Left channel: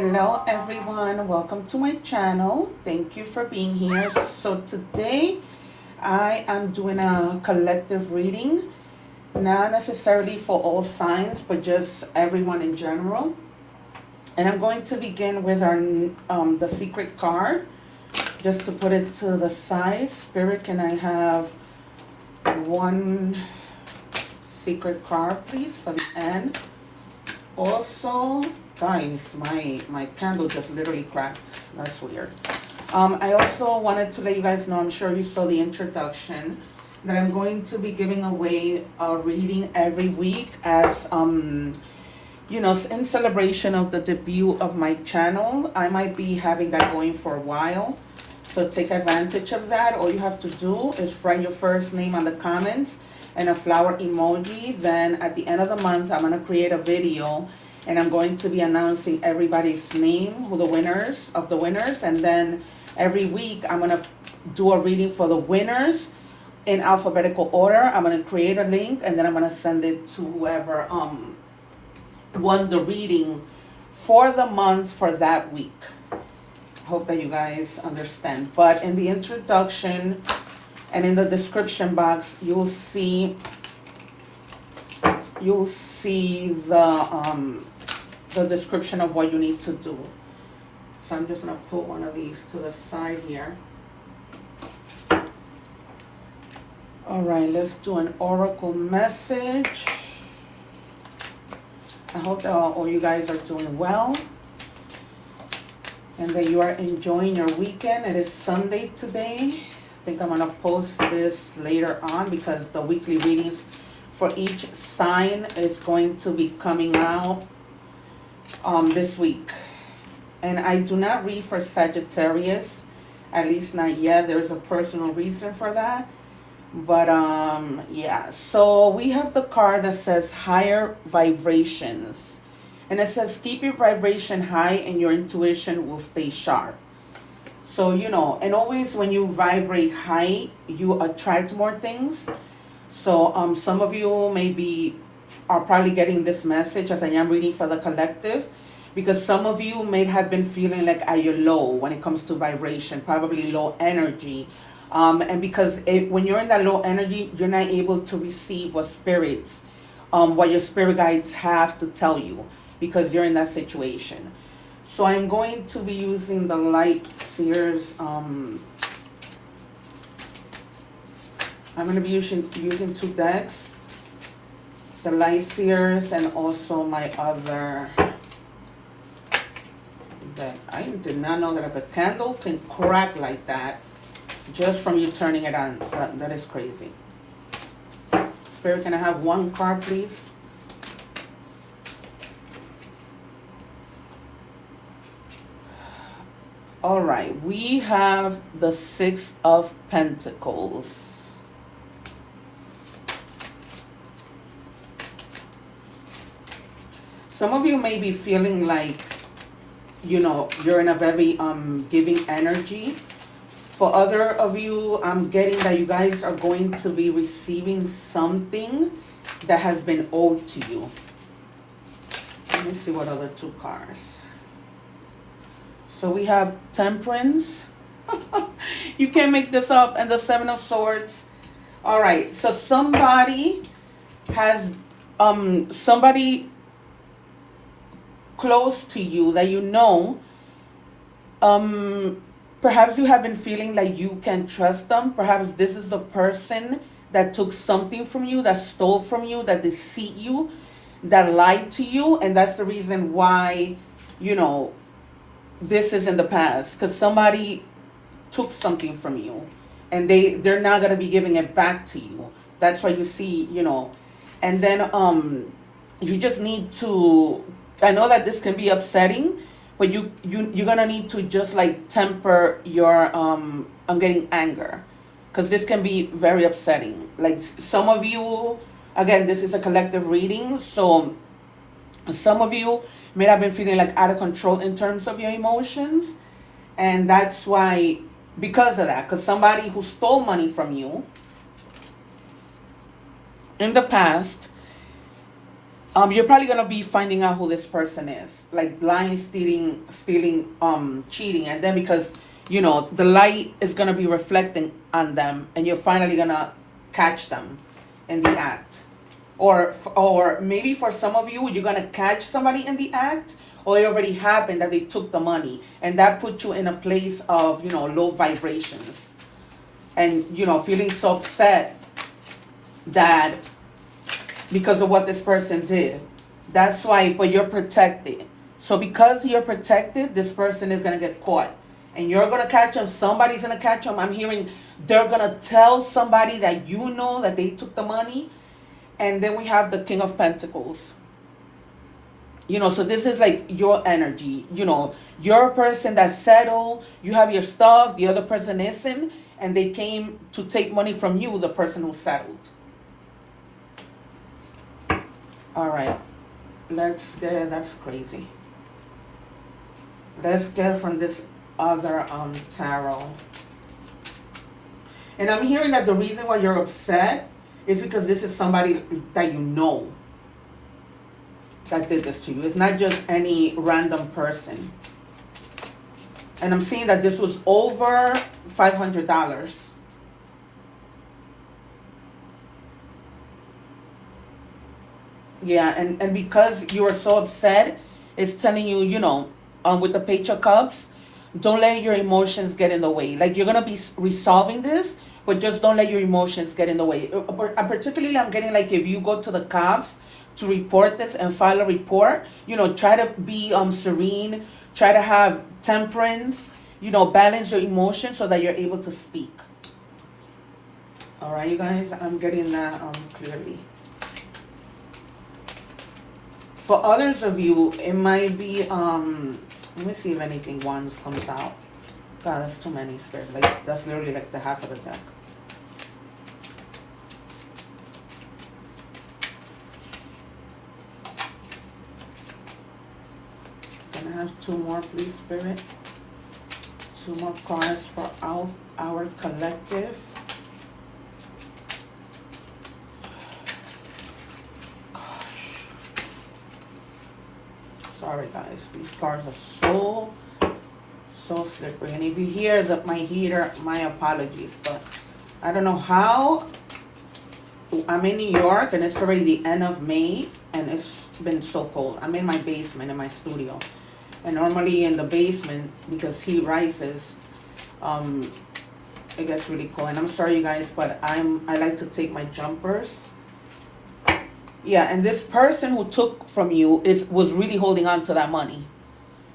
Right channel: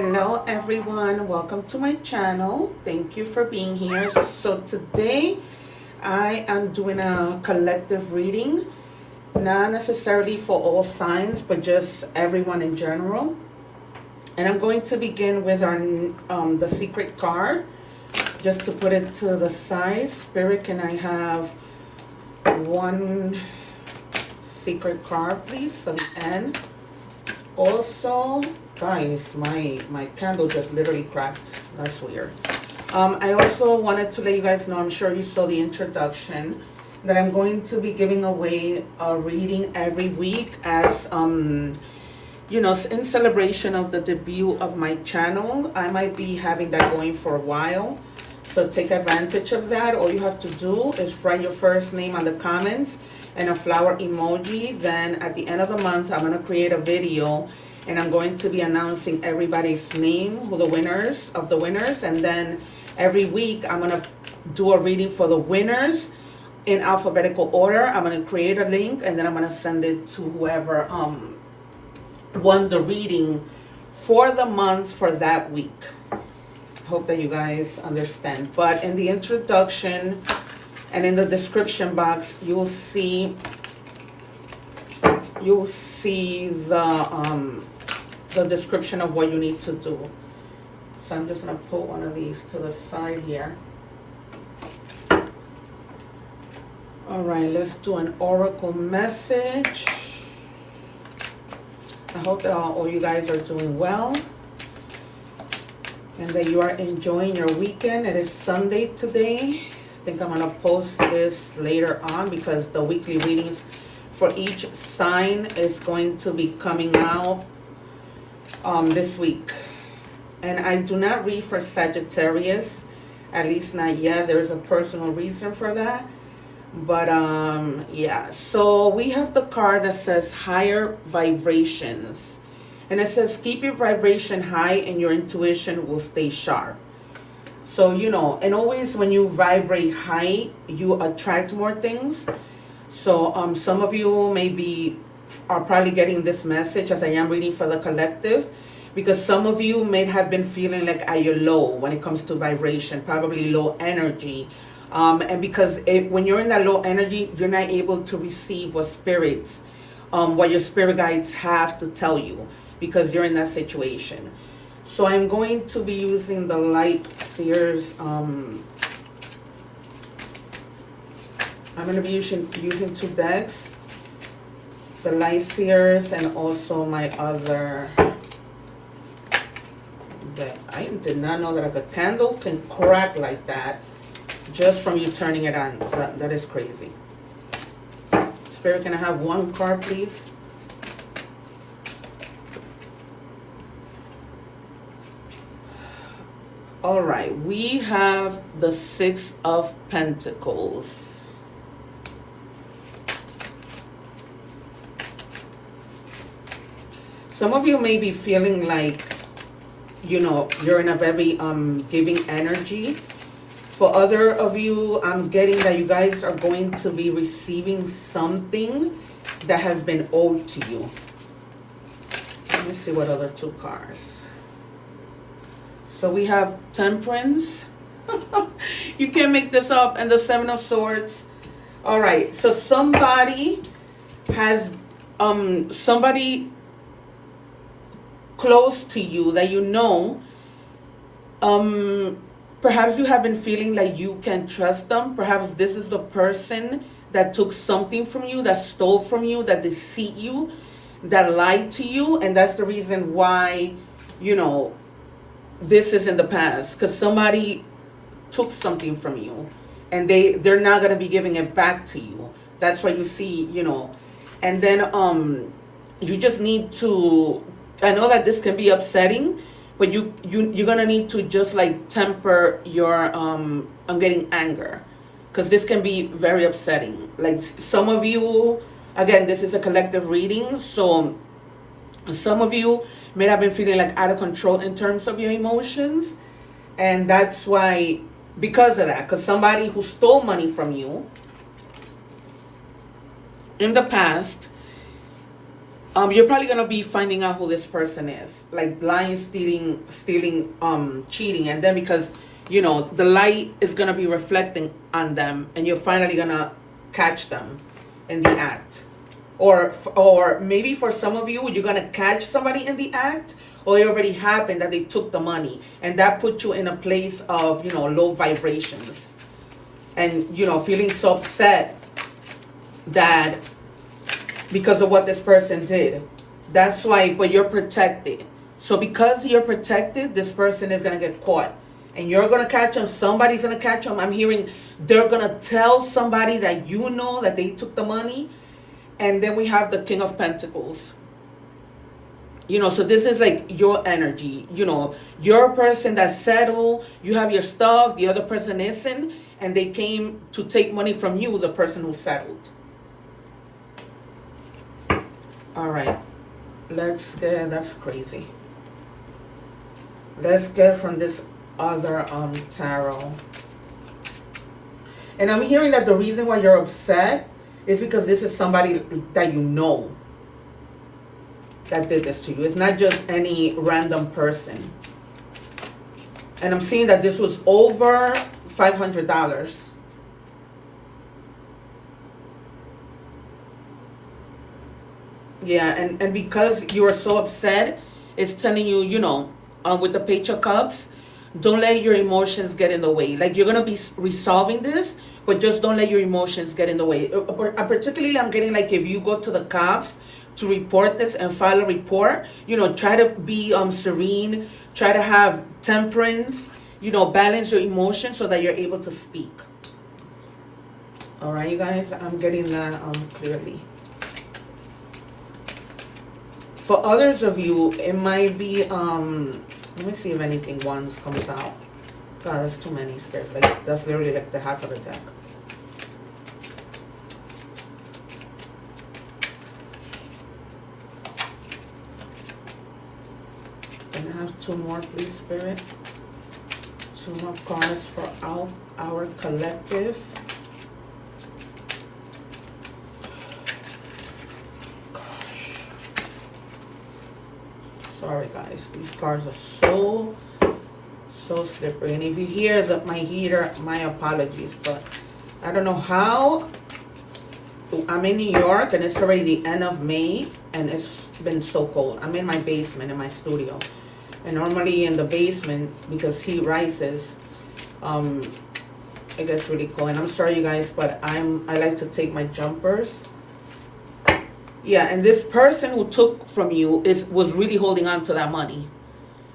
Hello everyone, welcome to my channel. Thank you for being here. So today I am doing a collective reading, not necessarily for all signs, but just everyone in general. And I'm going to begin with our the secret card, just to put it to the side. Spirit, can I have one secret card please for the end? Also, guys, my candle just literally cracked. That's weird. I also wanted to let you guys know, I'm sure you saw the introduction, that I'm going to be giving away a reading every week as, you know, in celebration of the debut of my channel. I might be having that going for a while. So take advantage of that. All you have to do is write your first name on the comments and a flower emoji. Then at the end of the month, I'm going to create a video and I'm going to be announcing everybody's name, who the winners of the winners. And then every week I'm going to do a reading for the winners in alphabetical order. I'm going to create a link and then I'm going to send it to whoever won the reading for the month for that week. Hope that you guys understand. But in the introduction and in the description box, you'll see the description of what you need to do. So I'm just gonna put one of these to the side here. All right, let's do an oracle message. I hope that all you guys are doing well and that you are enjoying your weekend. It is Sunday today. I think I'm gonna post this later on because the weekly readings for each sign is going to be coming out this week. And I do not read for Sagittarius, at least not yet. There's a personal reason for that. But yeah, so we have the card that says higher vibrations. And it says keep your vibration high and your intuition will stay sharp. So, you know, and always when you vibrate high, you attract more things. So some of you maybe are probably getting this message as I am reading for the collective, because some of you may have been feeling like at your low when it comes to vibration, probably low energy. And because when you're in that low energy, you're not able to receive what spirits, what your spirit guides have to tell you, because you're in that situation. So I'm going to be using the Light Seers. I'm going to be using two decks. The Light Seers and also my other deck. I did not know that a candle can crack like that just from you turning it on. That is crazy. Spirit, can I have one card, please? All right, we have the Six of Pentacles. Some of you may be feeling like, you know, you're in a very giving energy. For other of you, I'm getting that you guys are going to be receiving something that has been owed to you. Let me see what other two cards. So we have Temperance. You can't make this up. And the Seven of Swords. All right. So somebody has, somebody close to you that you know, perhaps you have been feeling like you can trust them. Perhaps this is the person that took something from you, that stole from you, that deceived you, that lied to you. And that's the reason why, you know, this is in the past, because somebody took something from you and they're not going to be giving it back to you. That's why you see, you know, and then you just need to, I know that this can be upsetting, but you're going to need to just like temper your I'm getting anger, because this can be very upsetting. Like some of you, again, this is a collective reading, so some of you may have been feeling like out of control in terms of your emotions. And that's why, because of that, because somebody who stole money from you in the past you're probably gonna be finding out who this person is, like lying, stealing, cheating, and then because the light is gonna be reflecting on them, and you're finally gonna catch them in the act, or maybe for some of you, you're gonna catch somebody in the act, or it already happened that they took the money, and that put you in a place of low vibrations, and feeling so upset that because of what this person did. That's why, but you're protected. So because you're protected, this person is going to get caught. And you're going to catch them. Somebody's going to catch them. I'm hearing they're going to tell somebody that that they took the money. And then we have the King of Pentacles. So this is like your energy. You're a person that's settled. You have your stuff. The other person isn't. And they came to take money from you, the person who settled. All right, that's crazy. Let's get from this other tarot. And I'm hearing that the reason why you're upset is because this is somebody that that did this to you. It's not just any random person. And I'm seeing that this was over $500. Yeah, and because you are so upset, it's telling you, with the Page of Cups, don't let your emotions get in the way. Like, you're going to be resolving this, but just don't let your emotions get in the way. Particularly, I'm getting like if you go to the cops to report this and file a report, try to be serene, try to have temperance, balance your emotions so that you're able to speak. All right, you guys, I'm getting that clearly. For others of you, it might be, let me see if anything ones comes out. God, that's too many stairs. Like, that's literally like the half of the deck. Can I have two more, please, Spirit? Two more cards for our collective. Sorry guys, these cards are so slippery. And if you hear my heater, my apologies, but I don't know how. I'm in New York and it's already the end of May and it's been so cold. I'm in my basement in my studio, and normally in the basement, because heat rises, it gets really cold. And I'm sorry you guys, but I like to take my jumpers. Yeah, and this person who took from you was really holding on to that money.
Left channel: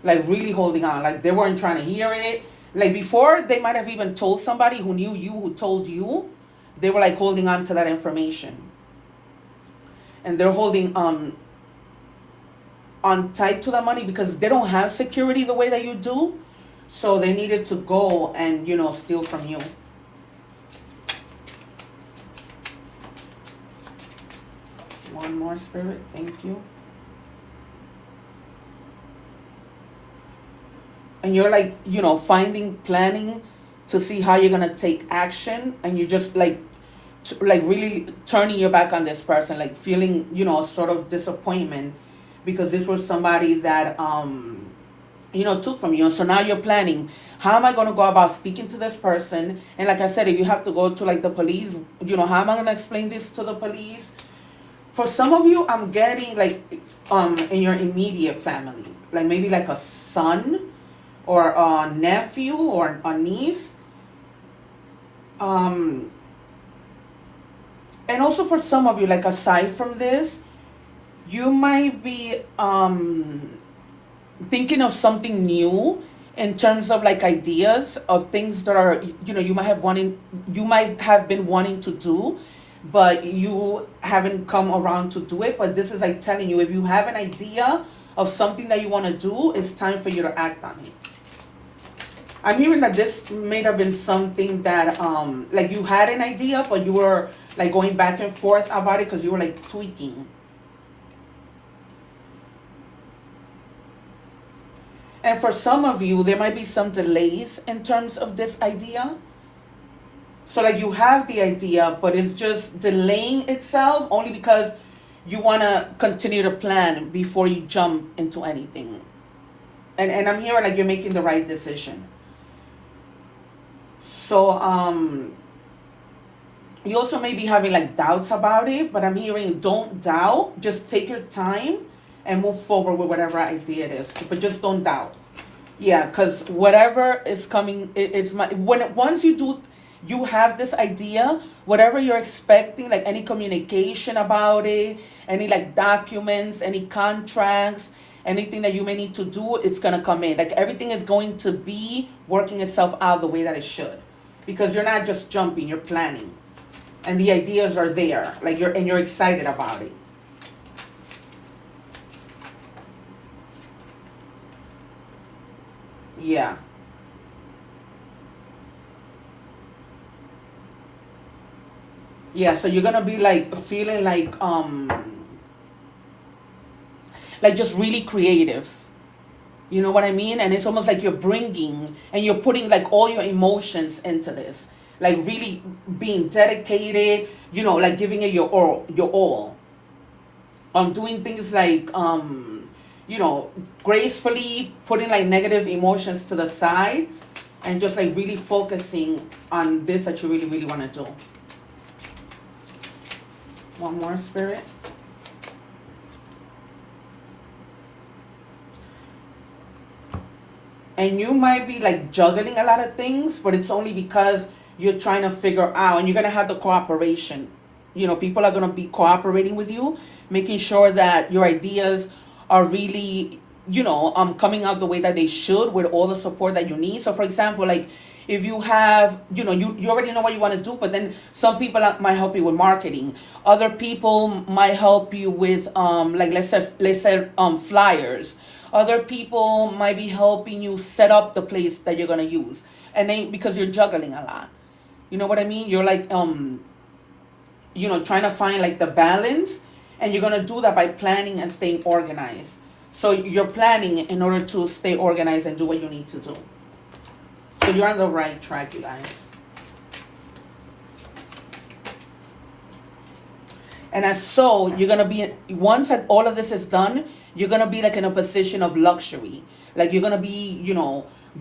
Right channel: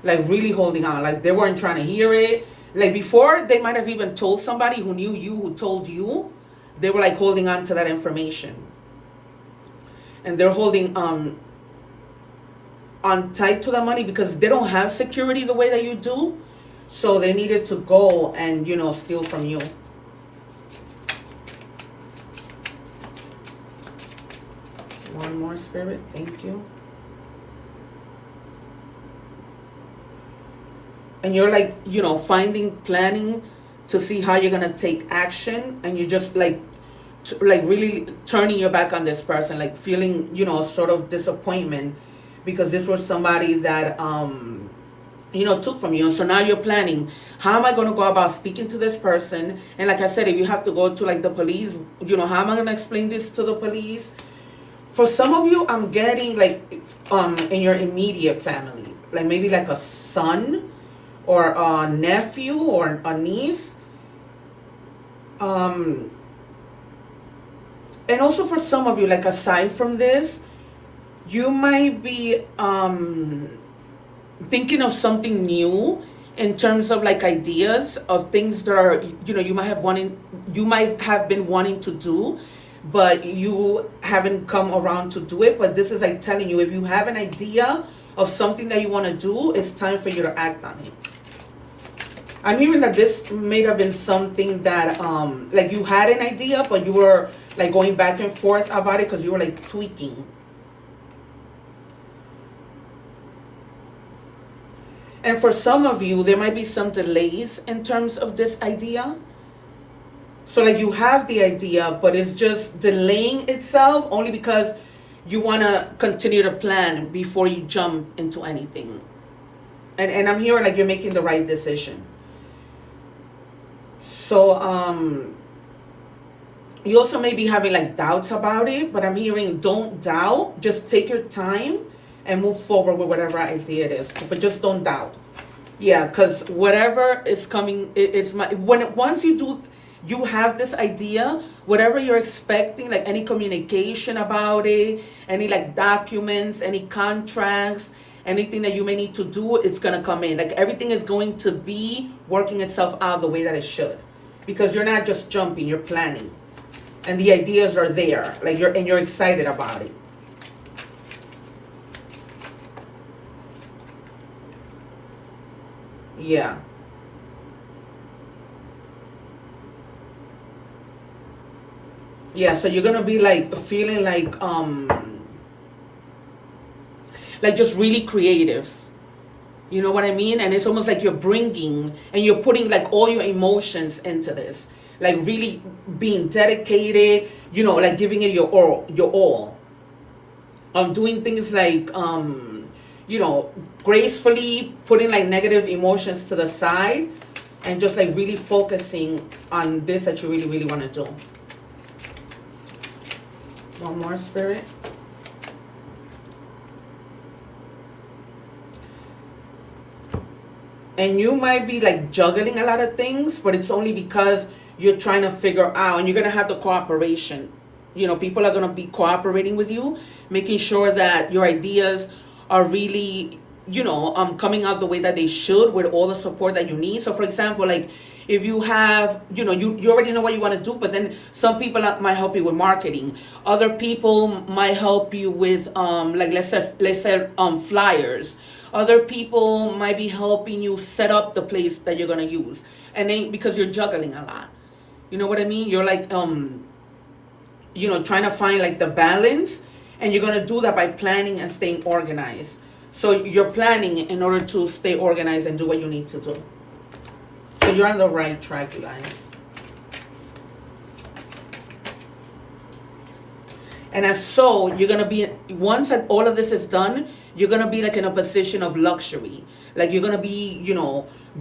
Like, really holding on. Like, they weren't trying to hear it. Like, before, they might have even told somebody who knew you, who told you. They were, like, holding on to that information. And they're holding on tight to that money because they don't have security the way that you do. So they needed to go and, steal from you. One more, Spirit. Thank you. And you're like, planning to see how you're going to take action. And you're just like really turning your back on this person, like feeling, sort of disappointment because this was somebody that, took from you. And so now you're planning, how am I going to go about speaking to this person? And like I said, if you have to go to like the police, how am I going to explain this to the police? For some of you, I'm getting like in your immediate family, like maybe like a son or a nephew or a niece. And also for some of you, like aside from this, you might be thinking of something new in terms of like ideas of things that are, you might have been wanting to do, but you haven't come around to do it. But this is like telling you, if you have an idea of something that you want to do, it's time for you to act on it. I'm hearing that this may have been something that, like you had an idea, but you were like going back and forth about it because you were like tweaking. And for some of you, there might be some delays in terms of this idea. So like you have the idea, but it's just delaying itself only because you want to continue to plan before you jump into anything. And I'm hearing like you're making the right decision. So you also may be having like doubts about it, but I'm hearing don't doubt, just take your time and move forward with whatever idea it is, but just don't doubt. Yeah, because whatever is coming, it's my once you do, you have this idea, whatever you're expecting, like any communication about it, any like documents, any contracts, anything that you may need to do, it's gonna come in. Like everything is going to be working itself out the way that it should, because you're not just jumping, you're planning, and the ideas are there, like you're excited about it. Yeah. Yeah, so you're gonna be like feeling like just really creative. You know what I mean? And it's almost like you're bringing and you're putting like all your emotions into this. Like really being dedicated, like giving it your all. Doing things like you know, gracefully putting like negative emotions to the side and just like really focusing on this that you really, really want to do. One more, Spirit. And you might be like juggling a lot of things, but it's only because you're trying to figure out, and you're going to have the cooperation. People are going to be cooperating with you, making sure that your ideas are really, coming out the way that they should with all the support that you need. So, for example, like if you have, you already know what you want to do, but then some people might help you with marketing. Other people might help you with, like let's say flyers. Other people might be helping you set up the place that you're gonna use, and then because you're juggling a lot, you know what I mean. You're like, trying to find like the balance, and you're gonna do that by planning and staying organized. So you're planning in order to stay organized and do what you need to do. So you're on the right track, you guys. And as so, you're going to be, once all of this is done, you're going to be like in a position of luxury. Like you're going to be,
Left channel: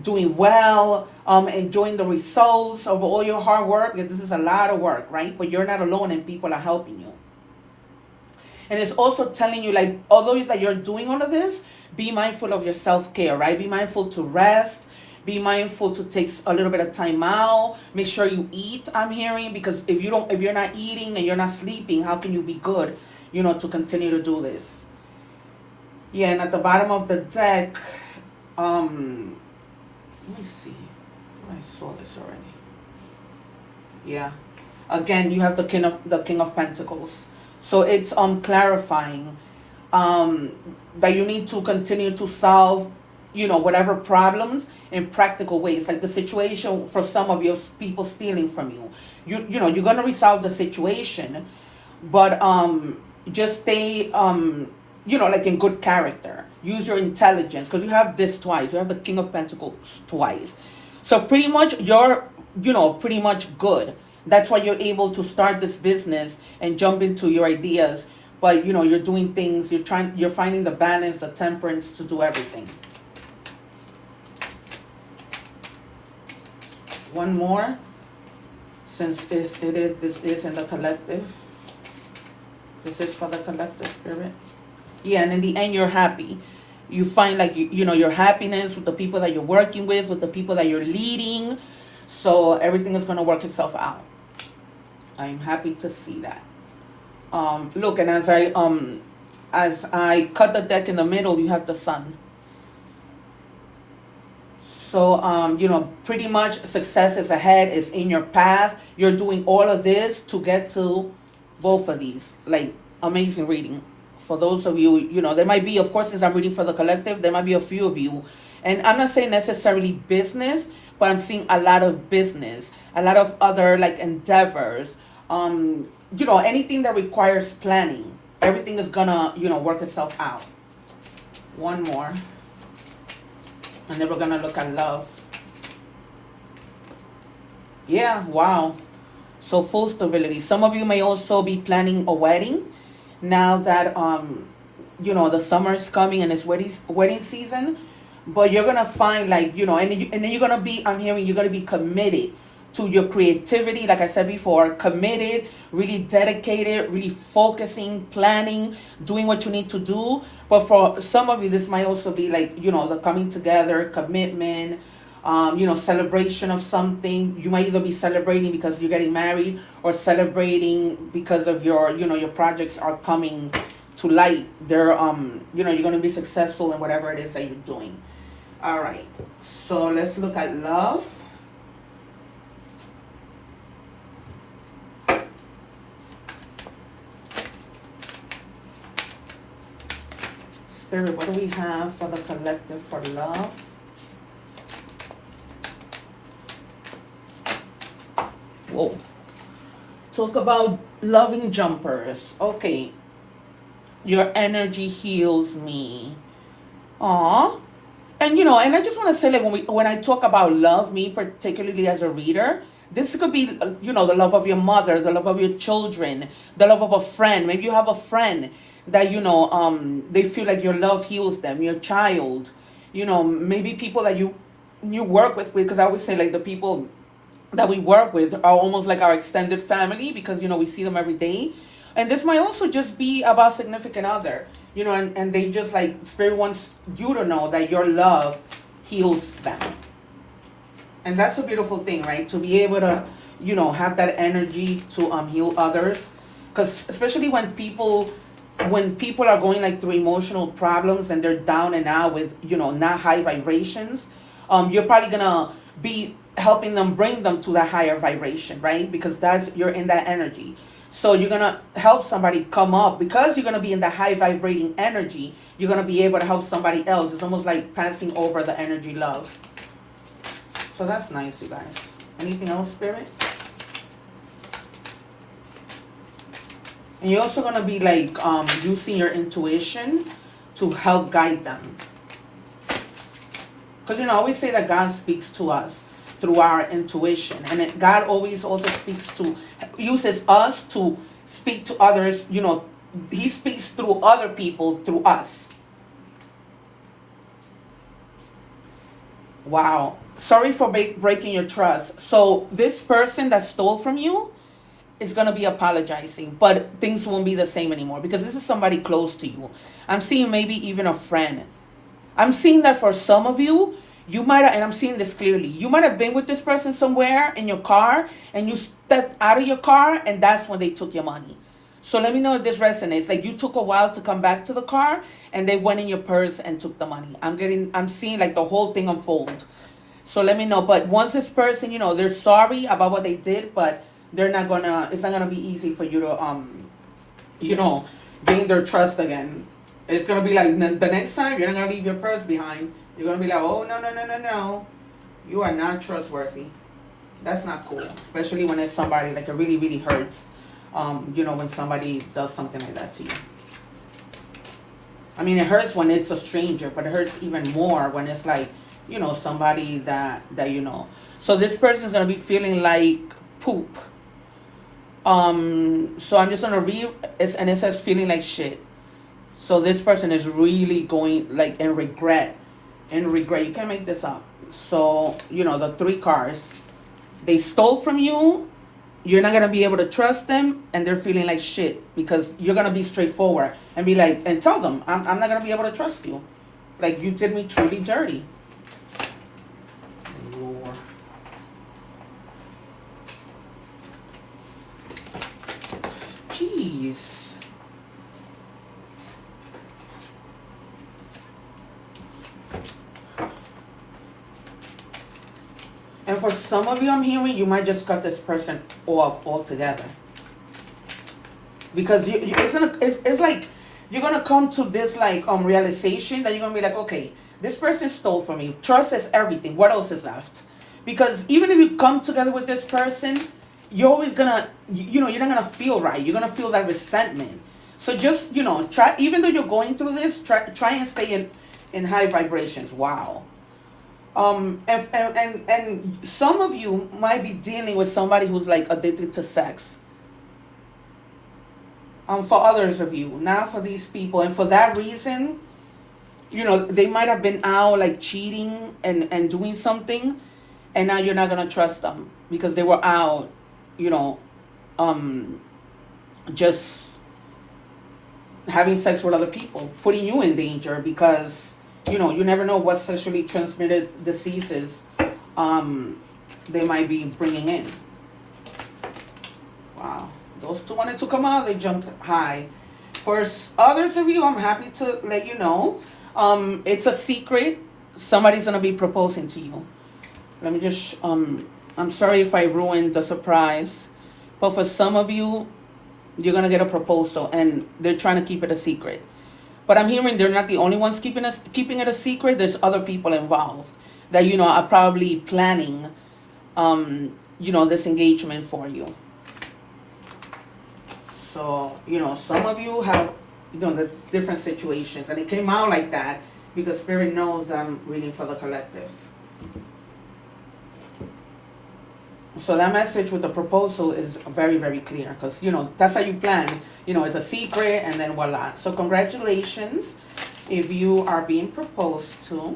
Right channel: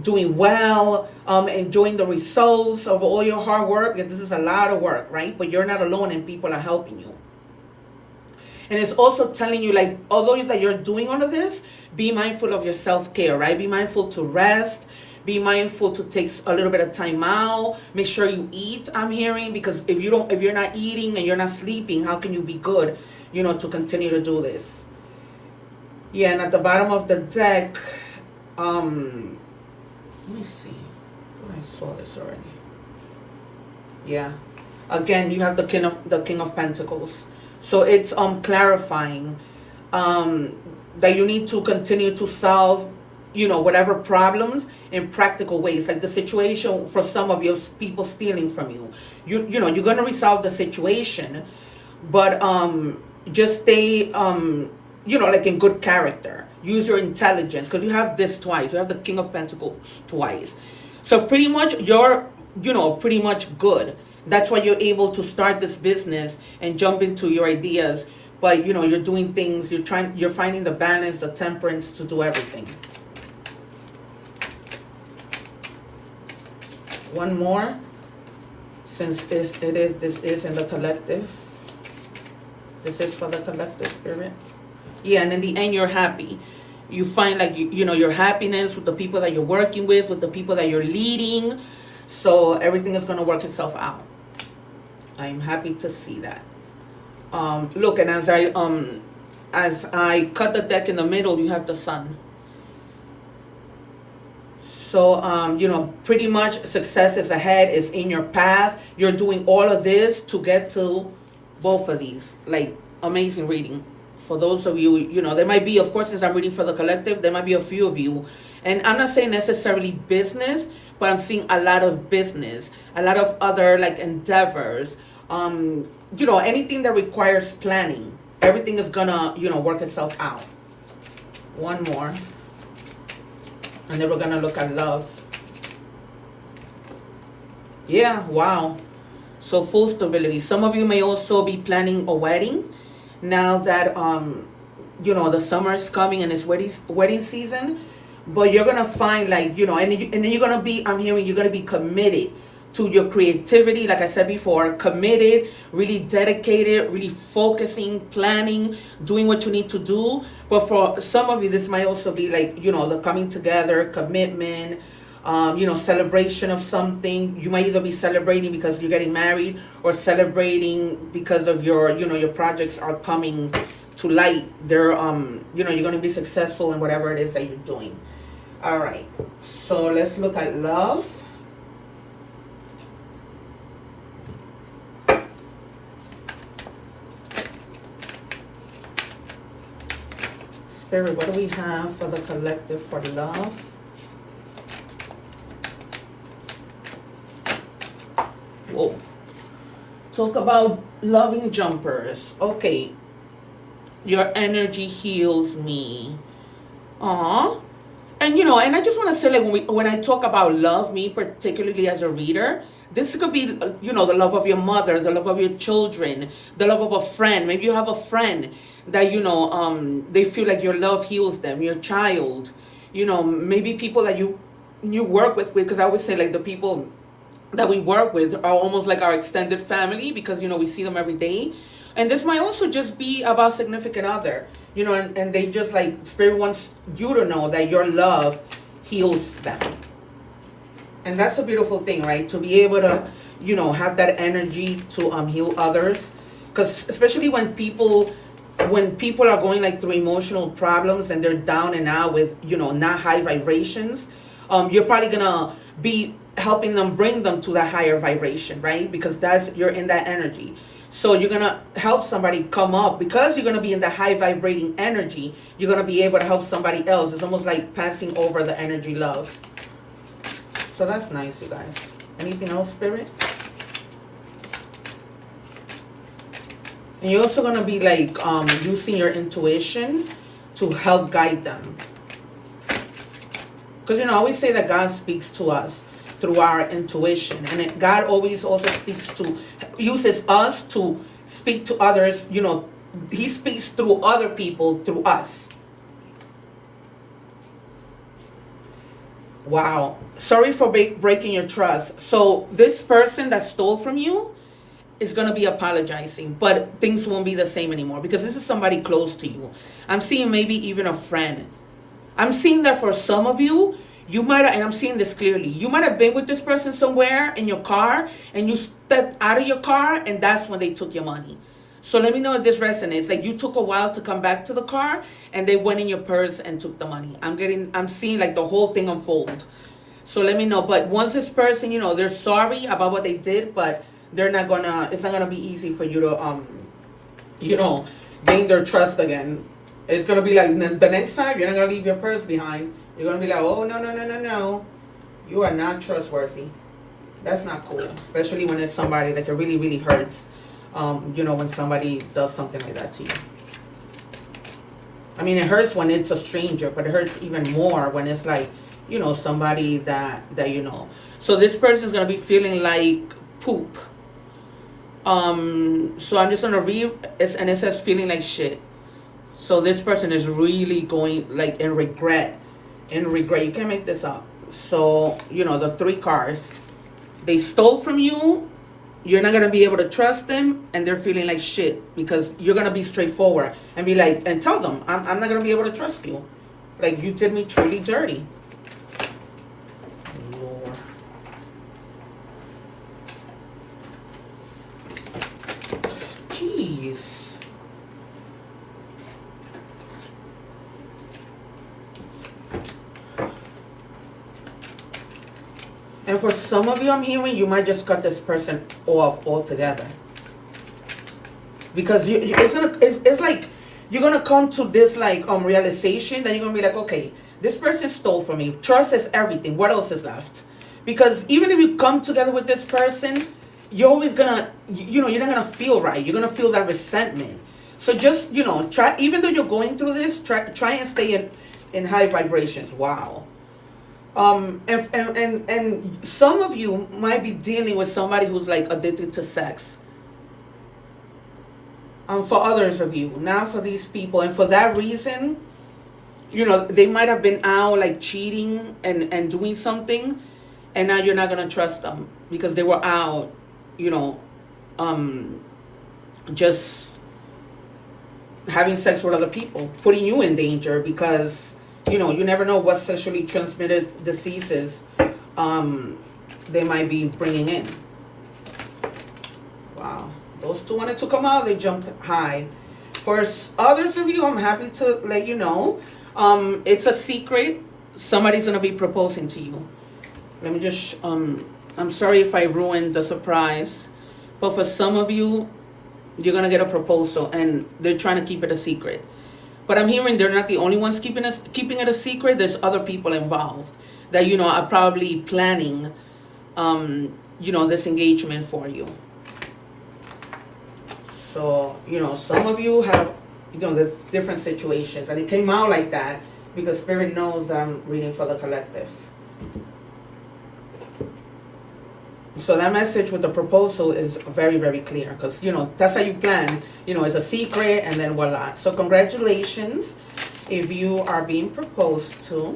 doing well, enjoying the results of all your hard work. This is a lot of work, right? But you're not alone and people are helping you. And it's also telling you, like, although that you're doing all of this, be mindful of your self-care, right? Be mindful to rest. Be mindful to take a little bit of time out. Make sure you eat, I'm hearing, because if you're not eating and you're not sleeping, how can you be good, to continue to do this? Yeah, and at the bottom of the deck, let me see. I saw this already. Yeah. Again, you have the King of Pentacles. So it's clarifying that you need to continue to solve, whatever problems in practical ways. Like the situation for some of you, people stealing from you. You're gonna resolve the situation, but just stay like in good character. Use your intelligence, because you have this twice. You have the King of Pentacles twice. So pretty much you're pretty much good. That's why you're able to start this business and jump into your ideas. But you're doing things, you're finding the balance, the temperance to do everything. One more, since this is in the collective. This is for the collective, Spirit. Yeah, and in the end, you're happy. You find like your happiness with the people that you're working with the people that you're leading. So everything is gonna work itself out. I'm happy to see that. Look, and as I cut the deck in the middle, you have the Sun. So, pretty much success is ahead, is in your path. You're doing all of this to get to both of these. Like, amazing reading. For those of you, there might be, of course, since I'm reading for the collective, there might be a few of you. And I'm not saying necessarily business, but I'm seeing a lot of business, a lot of other, like, endeavors. Anything that requires planning. Everything is gonna, work itself out. One more. And then we're gonna look at love. Yeah, wow. So full stability. Some of you may also be planning a wedding. now that the summer is coming and it's wedding season. But you're gonna find, like, and then you're gonna be, I'm hearing, you're gonna be committed to your creativity, like I said before, committed, really dedicated, really focusing, planning, doing what you need to do. But for some of you, this might also be like, the coming together, commitment, celebration of something. You might either be celebrating because you're getting married, or celebrating because of your projects are coming to light. They're you're going to be successful in whatever it is that you're doing. All right, so let's look at love. Spirit, what do we have for the collective for love? Whoa. Talk about loving jumpers. Okay. Your energy heals me. Aw. And I just want to say, like, when I talk about love, me particularly as a reader, this could be, the love of your mother, the love of your children, the love of a friend. Maybe you have a friend that, they feel like your love heals them, your child, maybe people that you work with, because I would say, like, the people that we work with are almost like our extended family, because, we see them every day. And this might also just be about significant other, and they just, like, Spirit wants you to know that your love heals them. And that's a beautiful thing, right? To be able to, have that energy to heal others. Because especially when people are going, like, through emotional problems and they're down and out with, not high vibrations, you're probably going to be helping them, bring them to that higher vibration, right? Because you're in that energy. So you're going to help somebody come up, because you're going to be in the high vibrating energy. You're going to be able to help somebody else. It's almost like passing over the energy love. So that's nice, you guys. Anything else, Spirit? And you're also going to be, like, using your intuition to help guide them. Because, I always say that God speaks to us through our intuition. And God always also uses us to speak to others. He speaks through other people, through us. Wow. Sorry for breaking your trust. So this person that stole from you is going to be apologizing, but things won't be the same anymore, because this is somebody close to you. I'm seeing maybe even a friend. I'm seeing that for some of you, you might have, and I'm seeing this clearly, you might have been with this person somewhere in your car, and you stepped out of your car, and that's when they took your money. So let me know if this resonates. Like, you took a while to come back to the car, and they went in your purse and took the money. I'm seeing, like, the whole thing unfold. So let me know. But once this person, they're sorry about what they did, but it's not gonna be easy for you to, gain their trust again. It's gonna be like, the next time you're not gonna leave your purse behind. You're gonna be like, oh, no. You are not trustworthy. That's not cool. Especially when it's somebody, like, it really, really hurts. When somebody does something like that to you. I mean, it hurts when it's a stranger, but it hurts even more when it's like, somebody that So this person is gonna be feeling like poop. So I'm just gonna read, and it says feeling like shit. So this person is really going, like, in regret. You can't make this up. So, the 3 cars, they stole from you. You're not going to be able to trust them, and they're feeling like shit, because you're going to be straightforward and be like, and tell them, I'm not going to be able to trust you. Like, you did me truly dirty. Lord. Jeez. And for some of you, I'm hearing, you might just cut this person off altogether. Because it's like, you're going to come to this, like, realization that you're going to be like, okay, this person stole from me. Trust is everything. What else is left? Because even if you come together with this person, you're always going to, you're not going to feel right. You're going to feel that resentment. So just, try, even though you're going through this, try and stay in high vibrations. Wow. And some of you might be dealing with somebody who's, like, addicted to sex. for others of you, not for these people. And for that reason, they might have been out like cheating and doing something, and now you're not gonna trust them because they were out, you know, um, just having sex with other people, putting you in danger because you never know what sexually transmitted diseases um, they might be bringing in. Wow, those two wanted to come out. They jumped high. For others of you, I'm happy to let you know, it's a secret. Somebody's gonna be proposing to you. Let me just. I'm sorry if I ruined the surprise, but for some of you, you're gonna get a proposal, and they're trying to keep it a secret. But I'm hearing they're not the only ones keeping it a secret. There's other people involved that are probably planning, this engagement for you. So some of you have, the different situations, and it came out like that because Spirit knows that I'm reading for the collective. So that message with the proposal is very, very clear because, that's how you plan. It's a secret, and then voila. So congratulations if you are being proposed to.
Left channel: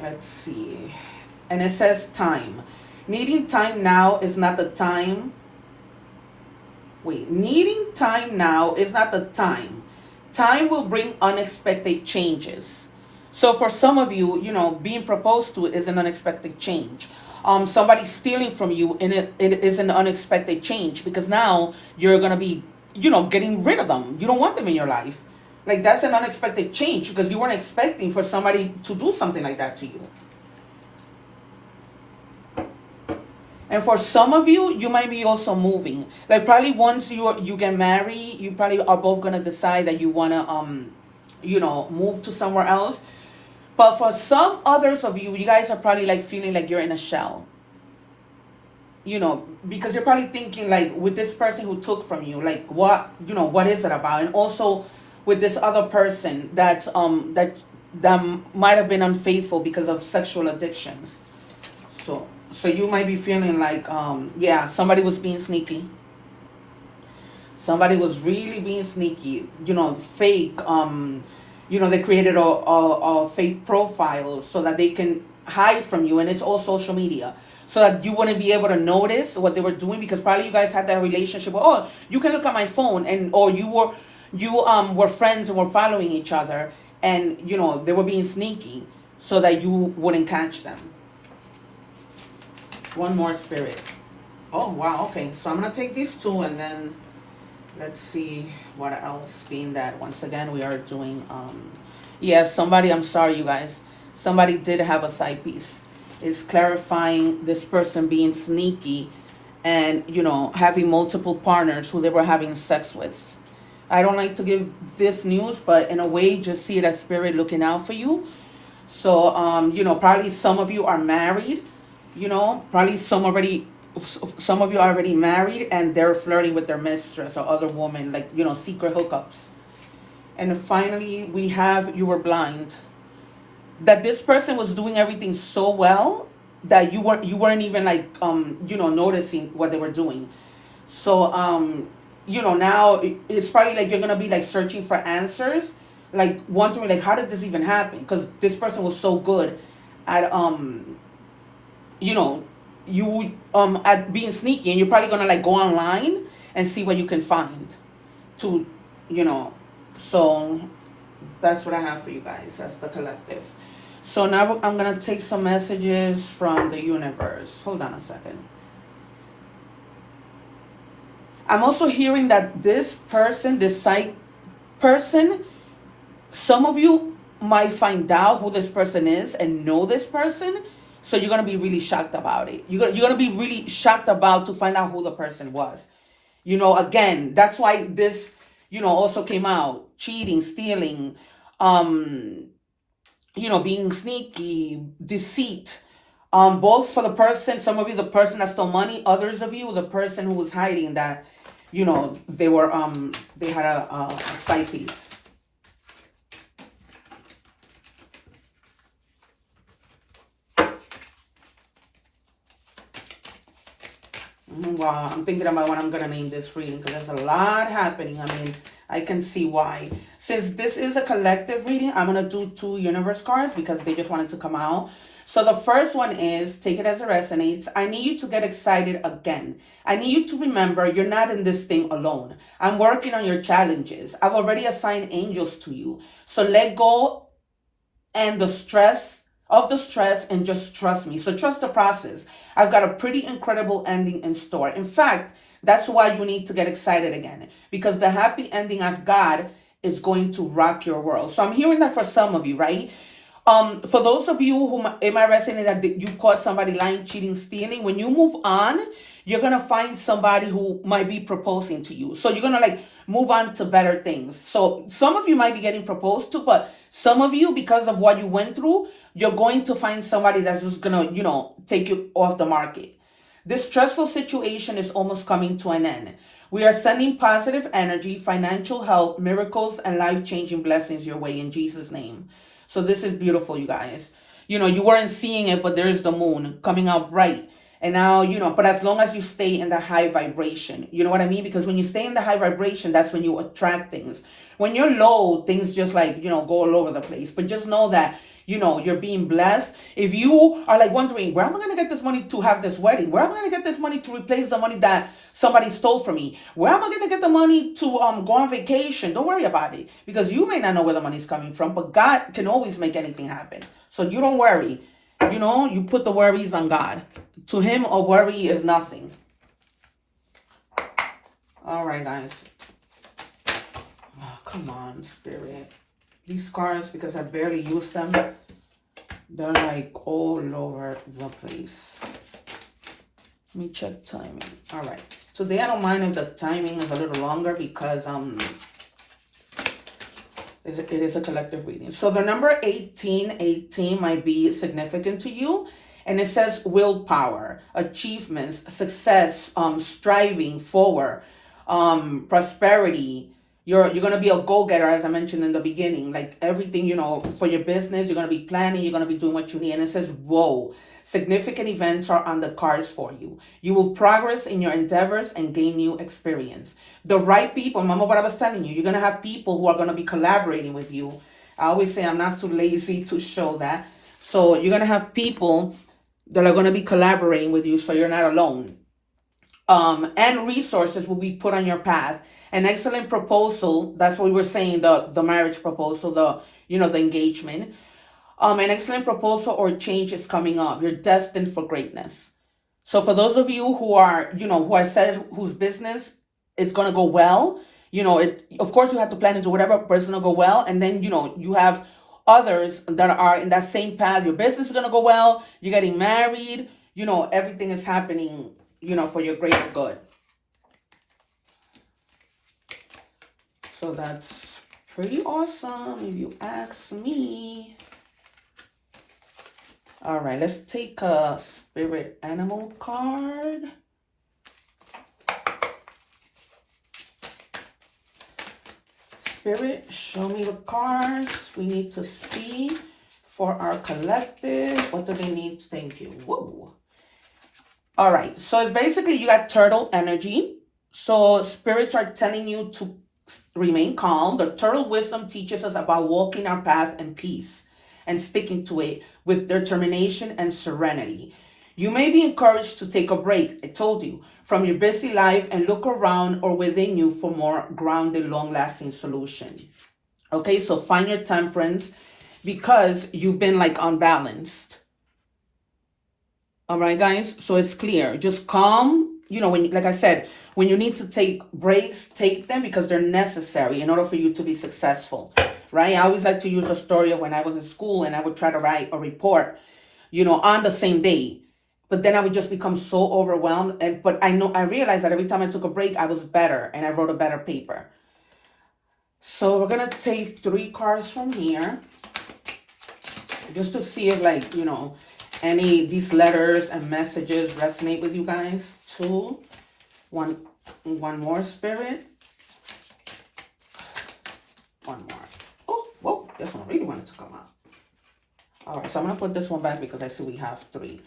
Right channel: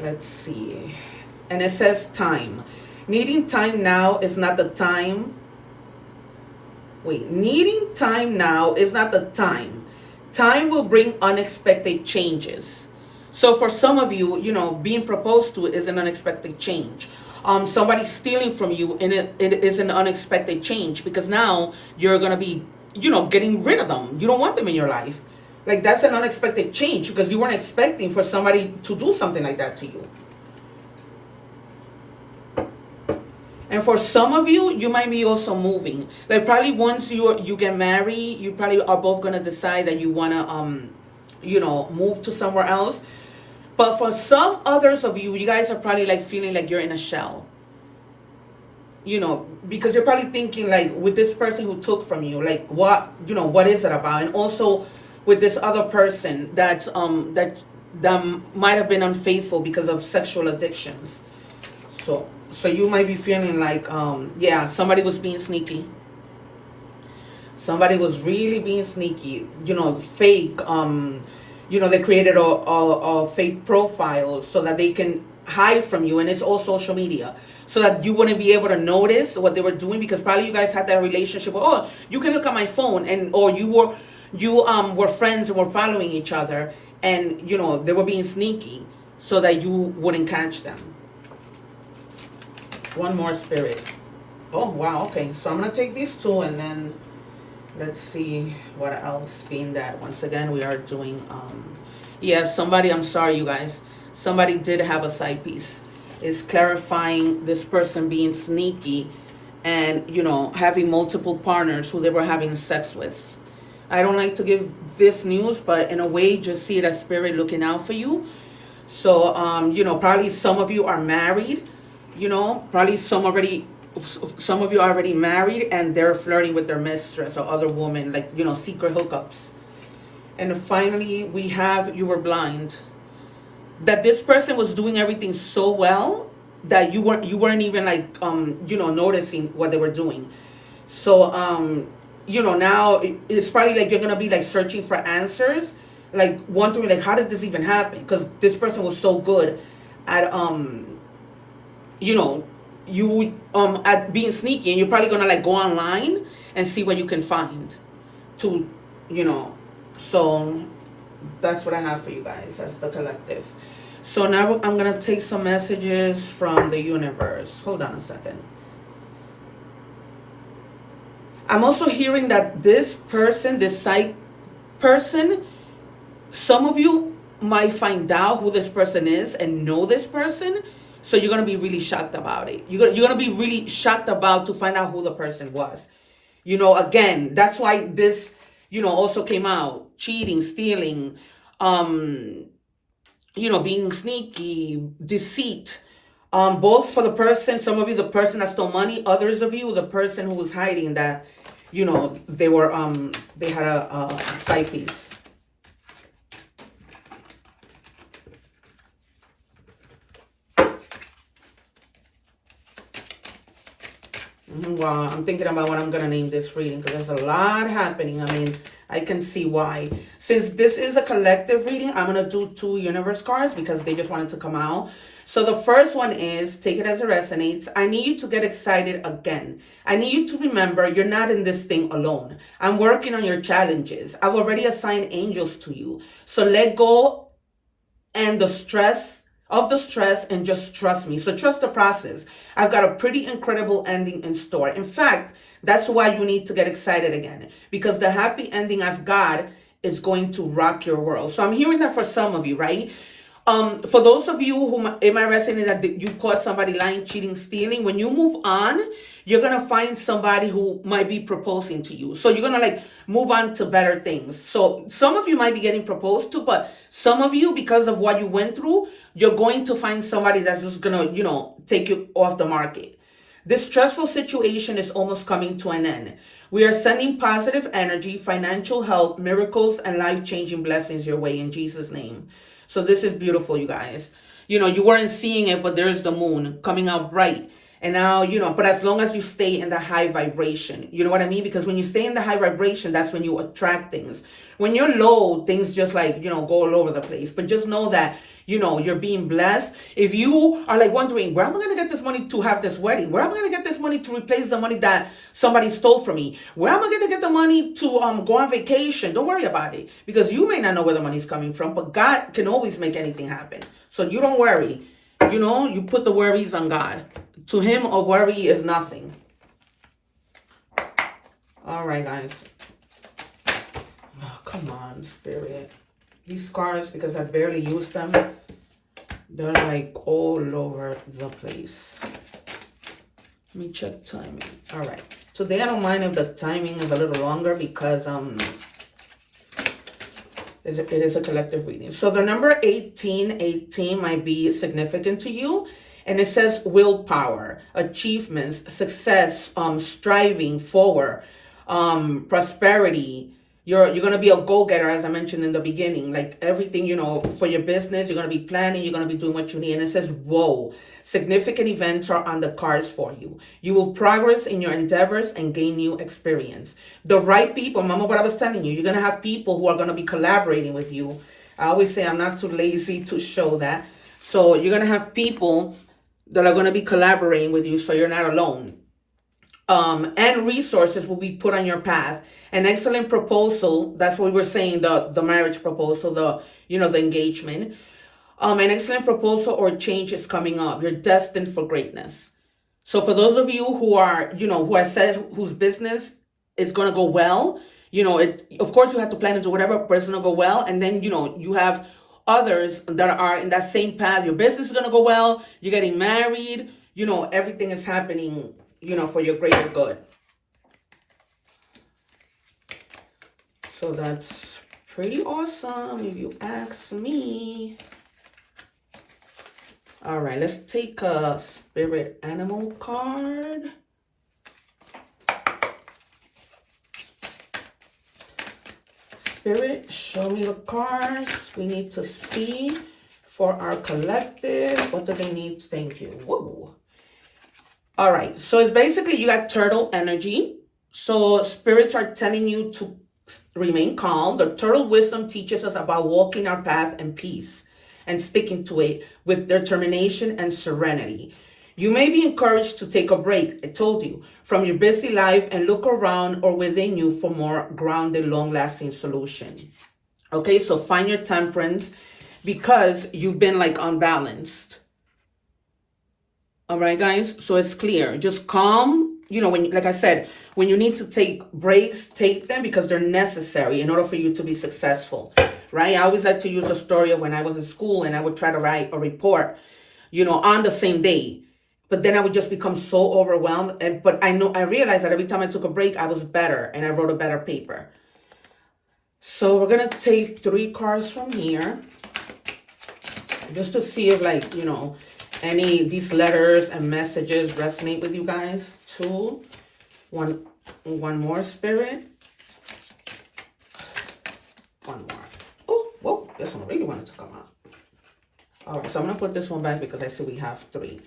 Let's see. And it says time. Needing time now is not the time. Needing time now is not the time. Time will bring unexpected changes. So for some of you, being proposed to is an unexpected change. Somebody stealing from you, and it is an unexpected change because now you're gonna be, getting rid of them. You don't want them in your life. Like, that's an unexpected change because you weren't expecting for somebody to do something like that to you. And for some of you, you might be also moving. Like, probably once you get married, you probably are both gonna decide that you wanna move to somewhere else. But for some others of you, you guys are probably like feeling like you're in a shell. Because you're probably thinking like, with this person who took from you, like what is it about? And also with this other person that might have been unfaithful because of sexual addictions. So you might be feeling like, somebody was being sneaky. Somebody was really being sneaky, fake. They created a fake profile so that they can hide from you, and it's all social media, so that you wouldn't be able to notice what they were doing because probably you guys had that relationship where, oh, you can look at my phone, or you were friends and were following each other, and they were being sneaky so that you wouldn't catch them. One more, Spirit. Oh, wow. Okay, so I'm gonna take these two, and then let's see what else. Being that once again we are doing somebody, I'm sorry you guys, somebody did have a side piece. It's clarifying this person being sneaky and having multiple partners who they were having sex with. I don't like to give this news, but in a way, just see it as Spirit looking out for you. So probably some of you are married. Probably some of you are already married and they're flirting with their mistress or other woman, like, secret hookups. And finally, we have, you were blind. That this person was doing everything so well that you weren't even like, noticing what they were doing. So, now it's probably like you're going to be like searching for answers, like wondering like, how did this even happen? Because this person was so good at, you at being sneaky, and you're probably gonna like go online and see what you can find to so that's what I have for you guys as the collective. So now I'm gonna take some messages from the universe. Hold on a second. I'm also hearing that this person, this side person, some of you might find out who this person is and know this person. So you're going to be really shocked about it. You're going to be really shocked about to find out who the person was. Again, that's why this, also came out. Cheating, stealing, being sneaky, deceit. Both for the person, some of you, the person that stole money. Others of you, the person who was hiding that, they were, they had a side piece. Wow, I'm thinking about what I'm going to name this reading because there's a lot happening. I mean, I can see why. Since this is a collective reading, I'm going to do 2 universe cards because they just wanted to come out. So the first one is, take it as it resonates. I need you to get excited again. I need you to remember you're not in this thing alone. I'm working on your challenges. I've already assigned angels to you. So let go and the stress and just trust me. So trust the process. I've got a pretty incredible ending in store. In fact, that's why you need to get excited again, because the happy ending I've got is going to rock your world. So I'm hearing that for some of you, right? For those of you who it might resonate that you caught somebody lying, cheating, stealing, when you move on, you're gonna find somebody who might be proposing to you. So you're gonna like move on to better things. So some of you might be getting proposed to, but some of you, because of what you went through, you're going to find somebody that's just gonna, take you off the market. This stressful situation is almost coming to an end. We are sending positive energy, financial help, miracles, and life-changing blessings your way in Jesus' name. So this is beautiful, you guys. You weren't seeing it, but there's the moon coming out bright. And now, but as long as you stay in the high vibration, you know what I mean? Because when you stay in the high vibration, that's when you attract things. When you're low, things just like, go all over the place. But just know that, you're being blessed. If you are like wondering, where am I going to get this money to have this wedding? Where am I going to get this money to replace the money that somebody stole from me? Where am I going to get the money to go on vacation? Don't worry about it, because you may not know where the money's coming from, but God can always make anything happen. So you don't worry. You put the worries on God. To him, a worry is nothing. All right, guys. Oh, come on, Spirit. These cards, because I barely use them, they're like all over the place. Let me check timing. All right. Today, I don't mind if the timing is a little longer because it is a collective reading. So the number 1818 might be significant to you. And it says willpower, achievements, success, striving forward, prosperity. You're going to be a go-getter, as I mentioned in the beginning. Like everything, for your business, you're going to be planning, you're going to be doing what you need. And it says, whoa, significant events are on the cards for you. You will progress in your endeavors and gain new experience. The right people, remember what I was telling you, you're going to have people who are going to be collaborating with you. I always say I'm not too lazy to show that. So you're going to have people that are going to be collaborating with you, so you're not alone. And resources will be put on your path. An excellent proposal, that's what we were saying, the marriage proposal, the engagement. An excellent proposal or change is coming up. You're destined for greatness. So for those of you who are, who I said whose business is going to go well, of course you have to plan into whatever, but it's going to go well. And then, you have others that are in that same path. Your business is going to go well. You're getting married. Everything is happening, for your greater good. So that's pretty awesome if you ask me. All right, let's take a spirit animal card. Spirit, show me the cards we need to see for our collective. What do they need? Thank you. Whoa. All right, so it's basically you got turtle energy. So spirits are telling you to remain calm. The turtle wisdom teaches us about walking our path in peace and sticking to it with determination and serenity. You may be encouraged to take a break, I told you, from your busy life and look around or within you for more grounded, long-lasting solution. Okay, so find your temperance because you've been like unbalanced. All right, guys, so it's clear. Just calm. When, like I said, when you need to take breaks, take them because they're necessary in order for you to be successful, right? I always like to use a story of when I was in school and I would try to write a report, on the same day. But then I would just become so overwhelmed. But I realized that every time I took a break, I was better and I wrote a better paper. So we're going to take 3 cards from here just to see if any of these letters and messages resonate with you guys. 2, 1 more, Spirit. 1 more. Oh, whoa, this one really wanted to come out. All right, so I'm going to put this one back because I see we have three.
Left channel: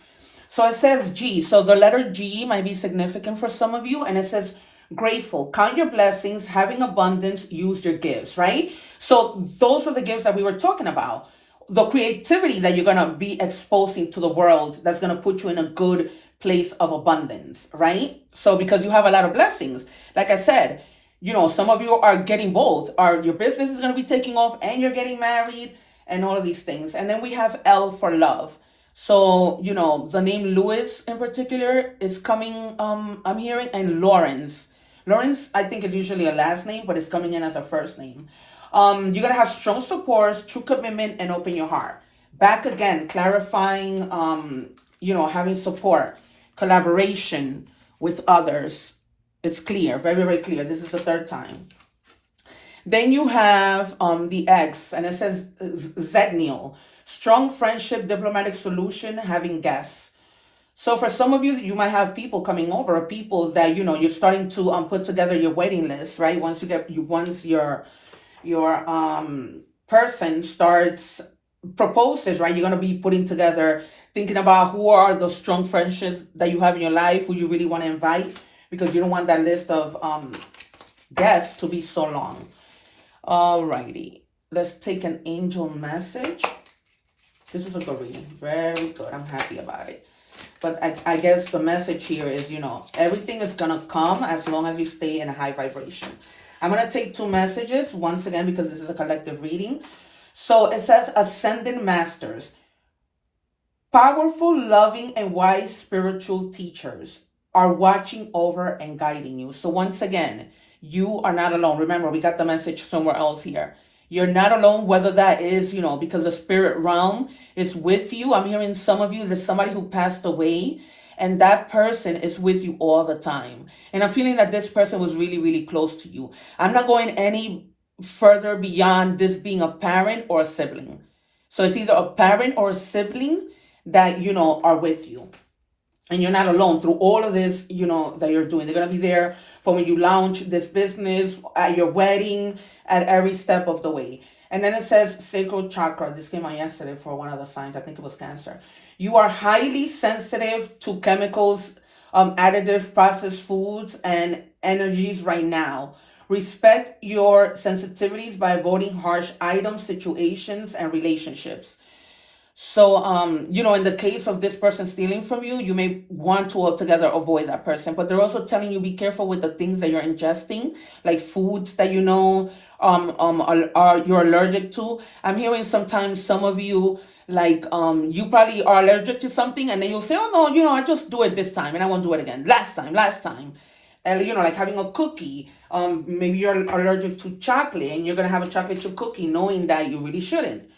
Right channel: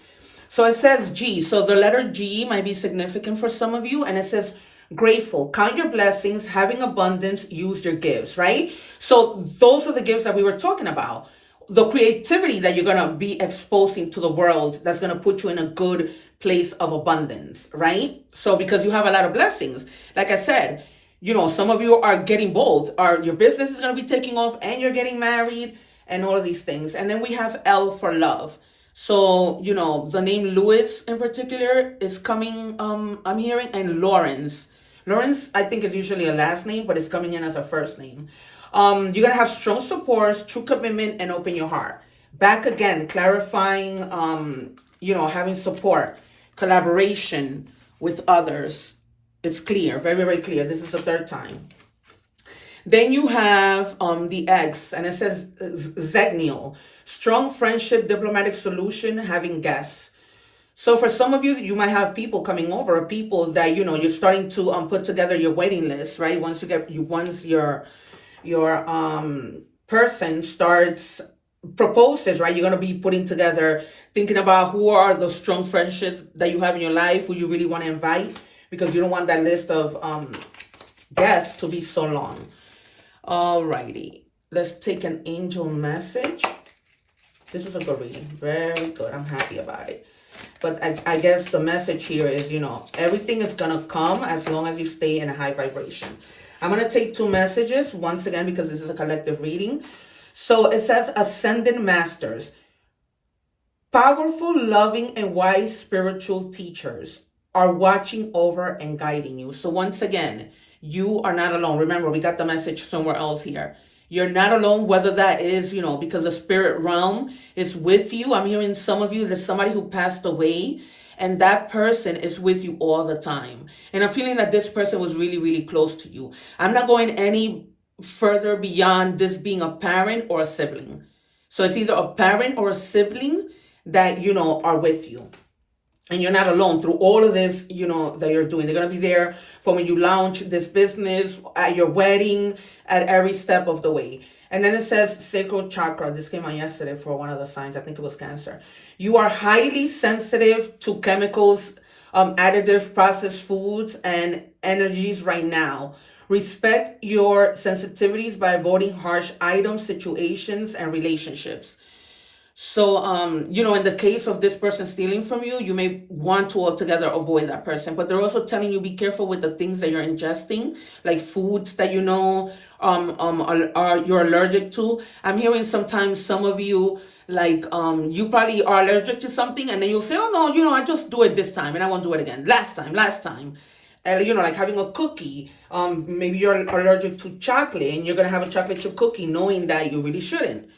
So it says G. So the letter G might be significant for some of you. And it says grateful. Count your blessings, having abundance, use your gifts, right? So those are the gifts that we were talking about. The creativity that you're going to be exposing to the world that's going to put you in a good place of abundance, right? So because you have a lot of blessings, like I said, some of you are getting both. Your business is going to be taking off and you're getting married and all of these things. And then we have L for love. So, the name Louis in particular is coming, I'm hearing, and Lawrence. Lawrence, I think, is usually a last name, but it's coming in as a first name. You're going to have strong support, true commitment, and open your heart. Back again, clarifying, having support, collaboration with others. It's clear, very, very clear. This is the third time. Then you have the X, and it says Zegniel. Strong friendship, diplomatic solution, having guests. So for some of you, you might have people coming over, or people that, you're starting to put together your waiting list, right? Once your person starts proposes, right? You're going to be putting together, thinking about who are the strong friendships that you have in your life, who you really want to invite, because you don't want that list of guests to be so long. Alrighty, let's take an angel message. This was a good reading, very good. I'm happy about it. But I guess the message here is, everything is going to come as long as you stay in a high vibration. I'm going to take two messages once again because this is a collective reading. So it says Ascendant Masters. Powerful, loving, and wise spiritual teachers are watching over and guiding you. So once again, you are not alone. Remember, we got the message somewhere else here. You're not alone, whether that is, because the spirit realm is with you. I'm hearing some of you, there's somebody who passed away, and that person is with you all the time. And I'm feeling that this person was really, really close to you. I'm not going any further beyond this being a parent or a sibling. So it's either a parent or a sibling that, are with you. And you're not alone through all of this, that you're doing. They're going to be there for when you launch this business, at your wedding, at every step of the way. And then it says sacral chakra. This came out yesterday for one of the signs. I think it was Cancer. You are highly sensitive to chemicals, additive processed foods, and energies right now. Respect your sensitivities by avoiding harsh items, situations, and relationships. So, in the case of this person stealing from you, you may want to altogether avoid that person. But they're also telling you be careful with the things that you're ingesting, like foods that are you're allergic to. I'm hearing sometimes some of you, like, you probably are allergic to something, and then you'll say, oh no, I just do it this time, and I won't do it again. Last time. And, like having a cookie. Maybe you're allergic to chocolate, and you're gonna have a chocolate chip cookie, knowing that you really shouldn't.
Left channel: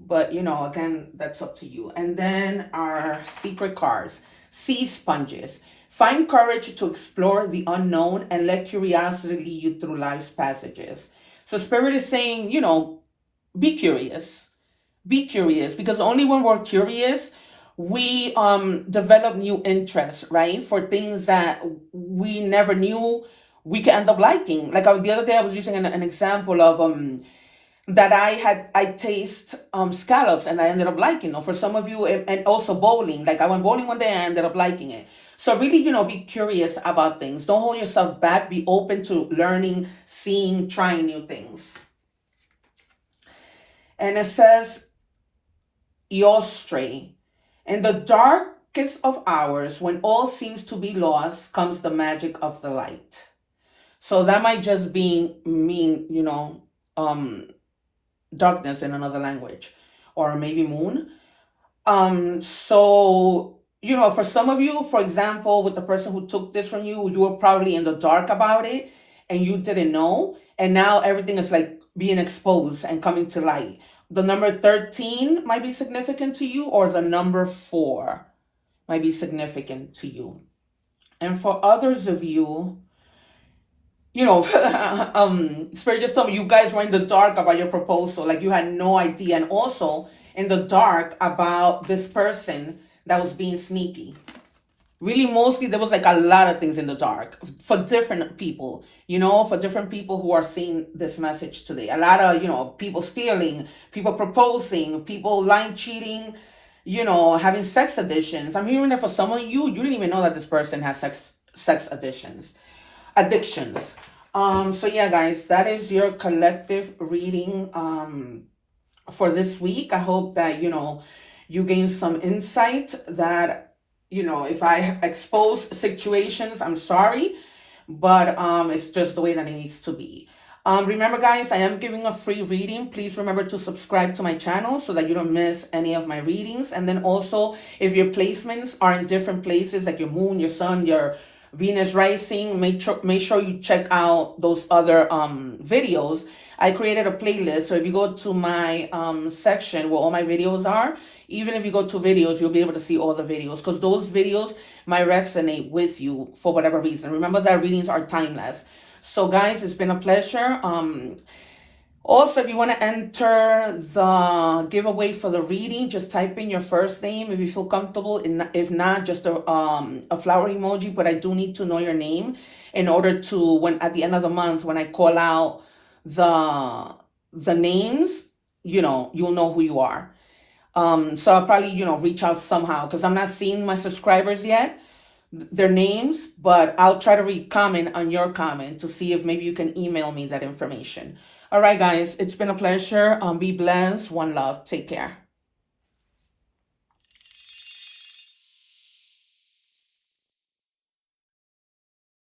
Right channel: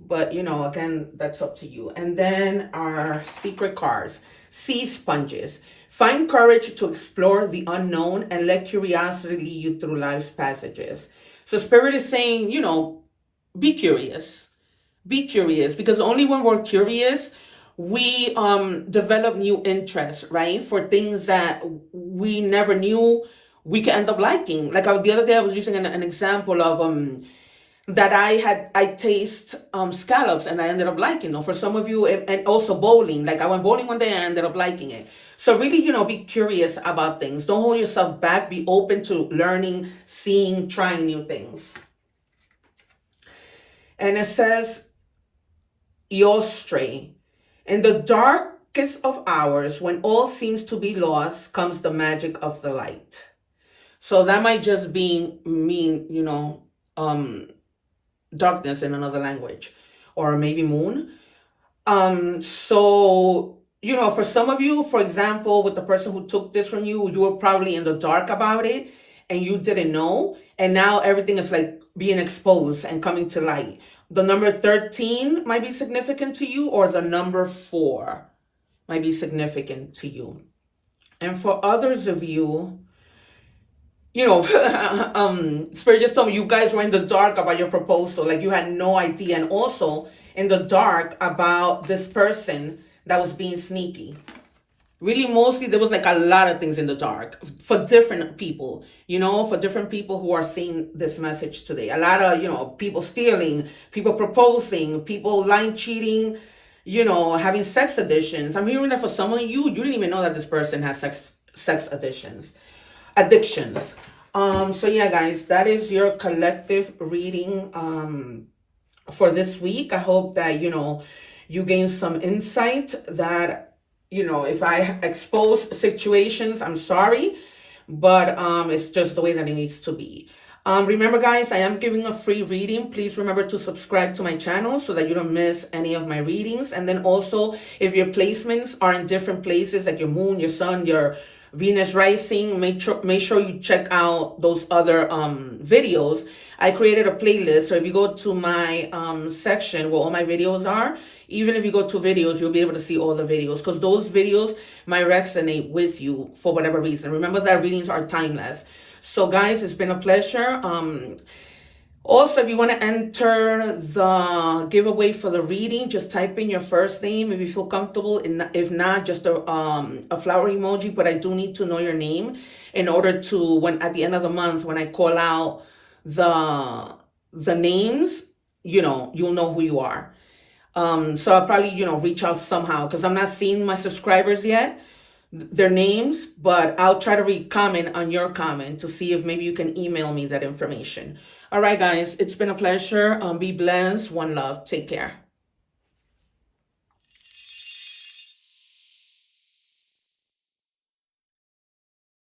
But, again, that's up to you. And then our secret cards. Sea sponges. Find courage to explore the unknown and let curiosity lead you through life's passages. So Spirit is saying, be curious. Be curious. Because only when we're curious, we develop new interests, right? For things that we never knew we could end up liking. Like the other day, I was using an example of... that I taste scallops and I ended up liking them. For some of you, and also bowling. Like I went bowling one day and I ended up liking it. So really, be curious about things. Don't hold yourself back. Be open to learning, seeing, trying new things. And it says, Yostre. In the darkest of hours, when all seems to be lost, comes the magic of the light. So that might just mean, darkness in another language, or maybe moon. So, for some of you, for example, with the person who took this from you, you were probably in the dark about it and you didn't know. And now everything is like being exposed and coming to light. The number 13 might be significant to you, or the number 4 might be significant to you. And for others of you, Spirit just told me you guys were in the dark about your proposal. Like you had no idea. And also in the dark about this person that was being sneaky. Really, mostly there was like a lot of things in the dark for different people, for different people who are seeing this message today. A lot of, people stealing, people proposing, people lying, cheating, having sex addictions. I'm hearing that for some of you didn't even know that this person has sex addictions. So yeah, guys, that is your collective reading for this week. I hope that you gain some insight, that if I expose situations, I'm sorry, but it's just the way that it needs to be. Remember, guys, I am giving a free reading. Please remember to subscribe to my channel so that you don't miss any of my readings. And then also, if your placements are in different places, like your moon, your sun, your Venus rising, make sure you check out those other videos. I created a playlist, so if you go to my section where all my videos are, even if you go to videos, you'll be able to see all the videos, because those videos might resonate with you for whatever reason. Remember that readings are timeless. So guys, it's been a pleasure. Also, if you want to enter the giveaway for the reading, just type in your first name if you feel comfortable. If not, just a flower emoji. But I do need to know your name in order to, when at the end of the month, when I call out the names, you'll know who you are. So I'll probably, reach out somehow, because I'm not seeing my subscribers yet, their names, but I'll try to read comment on your comment to see if maybe you can email me that information. All right, guys, it's been a pleasure. Be blessed. One love. Take care.